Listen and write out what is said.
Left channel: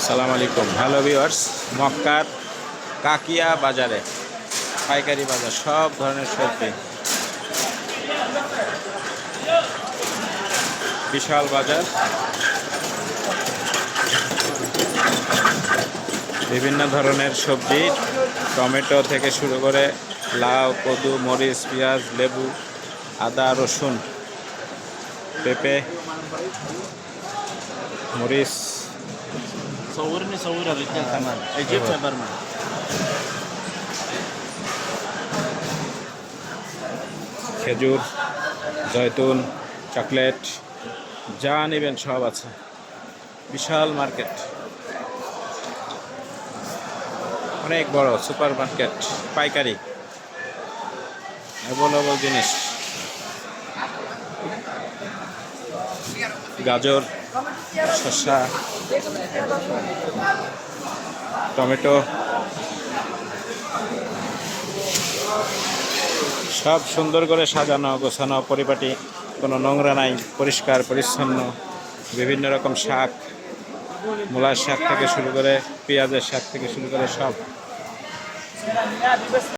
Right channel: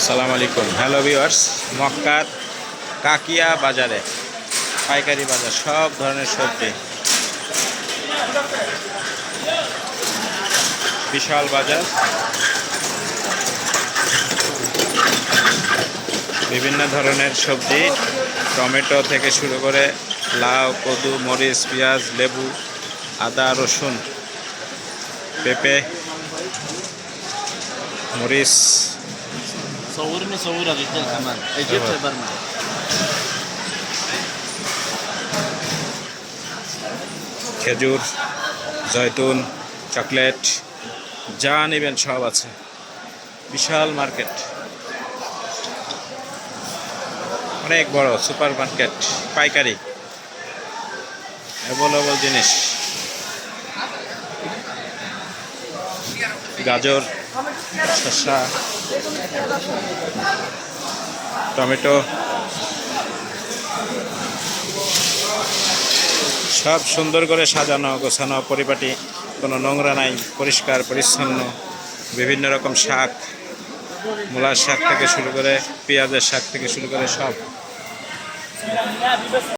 আসসালামু আলাইকুম। Hello viewers, মক্কার কাকিয়া বাজারে পাইকারি বাজার, সব ধরনের সবজি, বিশাল বাজার। বিভিন্ন ধরনের সবজি, টমেটো থেকে শুরু করে লাউ, কদু, মরিচ, পেঁয়াজ, লেবু, আদা, রসুন, পেঁপে, মরিচ, صورني صورها بالكل كمان اجيب أيوة. برمي খেজুর, জয়তুন, চকলেট, যা নেবেন সব আছে। বিশাল মার্কেট, অনেক বড় সুপার মার্কেট, পাইকারি অ্যাভেলেবল জিনিস। গাজর, শসা, টমেটো, সব সুন্দর করে সাজানো গোছানো, পরিপাটি, কোনো নোংরা নাই, পরিষ্কার পরিচ্ছন্ন। বিভিন্ন রকম শাক, মূলার শাক থেকে শুরু করে পেঁয়াজের শাক থেকে শুরু করে সব।